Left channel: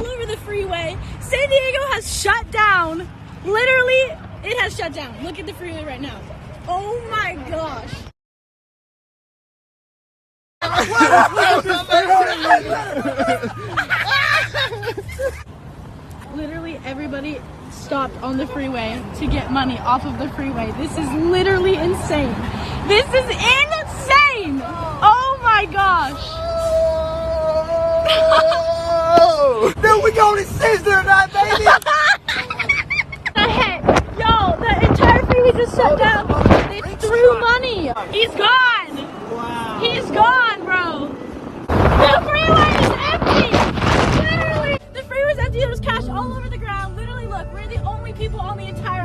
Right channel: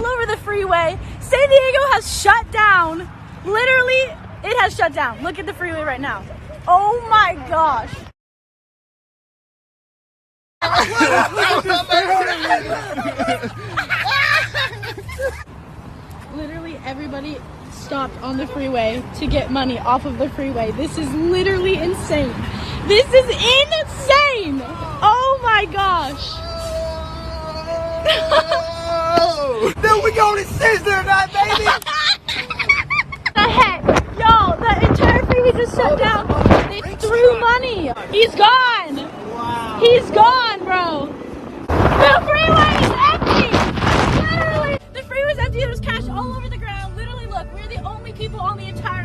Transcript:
all over the freeway. San Diego has shut down. Literally, it has shut down. Look at the freeway right now. Oh my gosh. Literally everybody stopped on the freeway to get money off of the freeway. This is literally insane. This is insane. Oh my gosh. Then we going to Sizzler tonight, baby. Yo, the entire freeway just shut down. They threw money. He's gone. Wow. He's gone, bro. The freeway is empty. Literally, the freeway is empty. There's cash all over the ground. Literally, look, we're the only people on the entire